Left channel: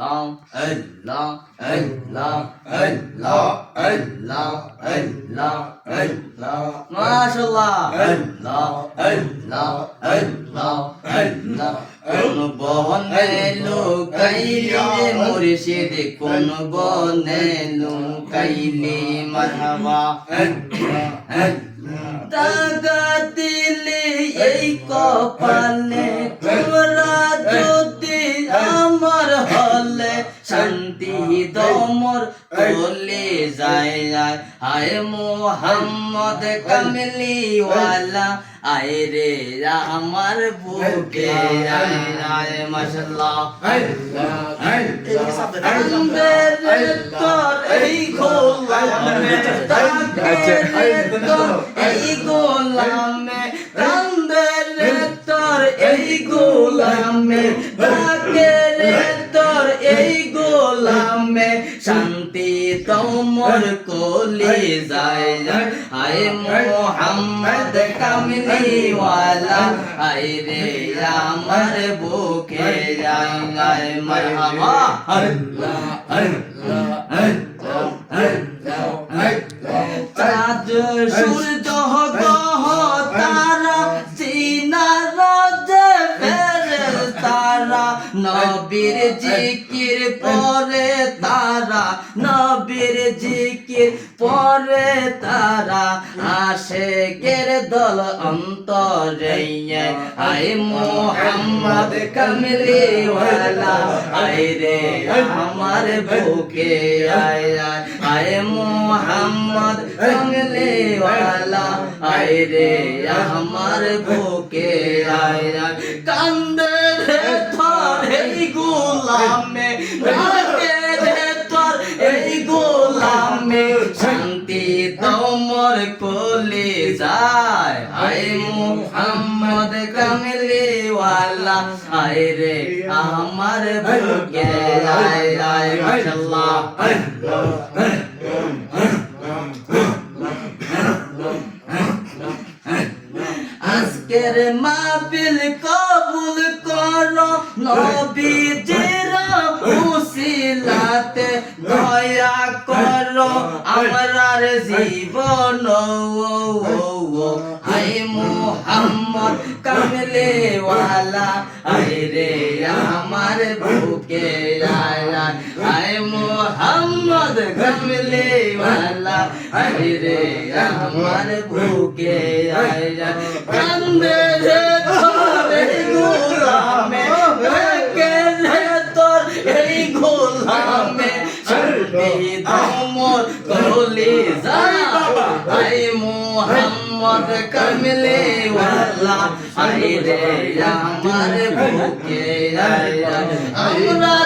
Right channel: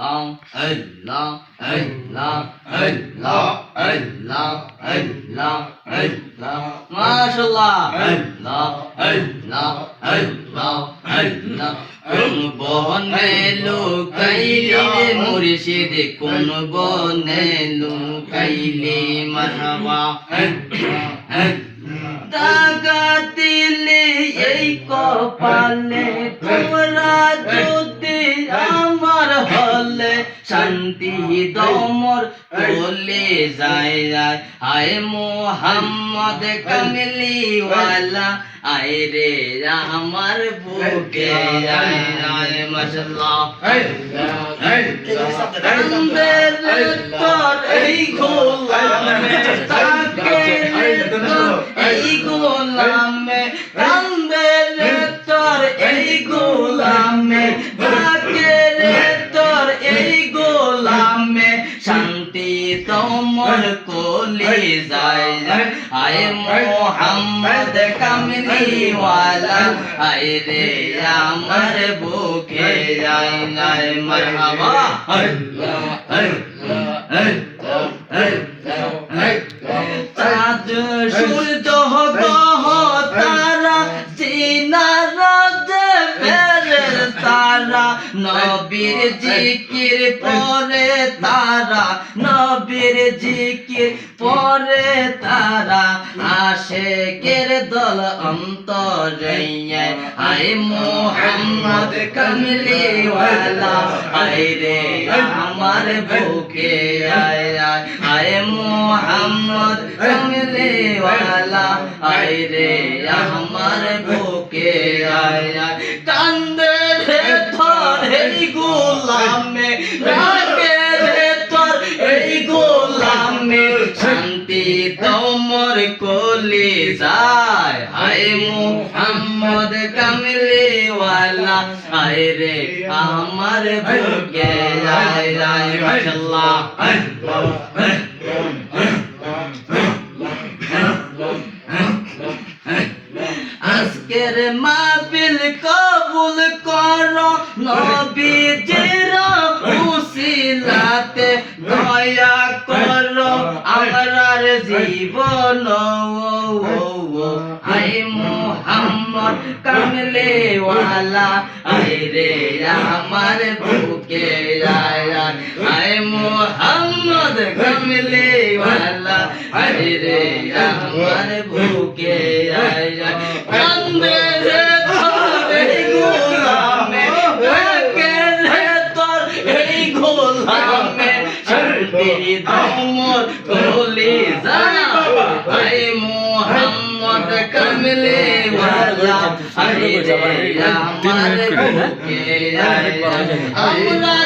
Allah, Allah, Allah, Allah, Allah, Allah, MashaAllah, Allah, Allah, Allah, Allah. কোন বনে লুকাইলে মুর্শিদ, কোন বনে লুকাইলে মারহাবা। দাগা দিলে এই কপালে, তোরা যদি আমার হলে শান্তি দমর চলে যায়। আয় মোহাম্মদ কামলিওয়ালা, আয় রে আমার বুকে আয় মাশাআল্লাহ। তোর এই গোলামে তাকে এই গোলামে কান্দে রে, তোর এই গোলামে তাকে রে, তোর এই গোলামে শান্তি তোমর কোলে যায়। আয় মোহাম্মদ কামলিওয়ালা, আয় রে আমার বুকে আয় আয় মারহাবা। চাঁদ সূর্য গ্রহ তারা সিনারা ফেরেশতারা, নবীর জিকির পরে তারা, নবীর জিকির পরে তারা, আশিকের দল অন্তরে। আয় মোহাম্মদ কামলিওয়ালা, আয় রে আমার বুকে আয় আয় মোহাম্মদ কামলিওয়ালা, আয় রে আমার বুকে আয় কান্দে রে তোর এই গোলামে, ডাকে রে তোর এই গোলামে শান্তি তোমর কোলে যায়। আয় মোহাম্মদ কামলিওয়ালা, আয় রে আমার বুকে আয় আয় মাশাআল্লাহ। আজকের মাহফিল কবুল করো নবীজির উসিলাতে, দয়া করো আমরার জীবন। আয় মোহাম্মদ কামলিওয়ালা, আয় রে আমার বুকে আয় আয় মোহাম্মদ কামলিওয়ালা, আয় রে আমার বুকে আয় কান্দে রে তোর এই গোলামে, ডাকে রে তোর এই গোলামে শান্তি তোমর কোলে যায়। আয় মোহাম্মদ কামলিওয়ালা, আয় রে আমার বুকে আয় আমরা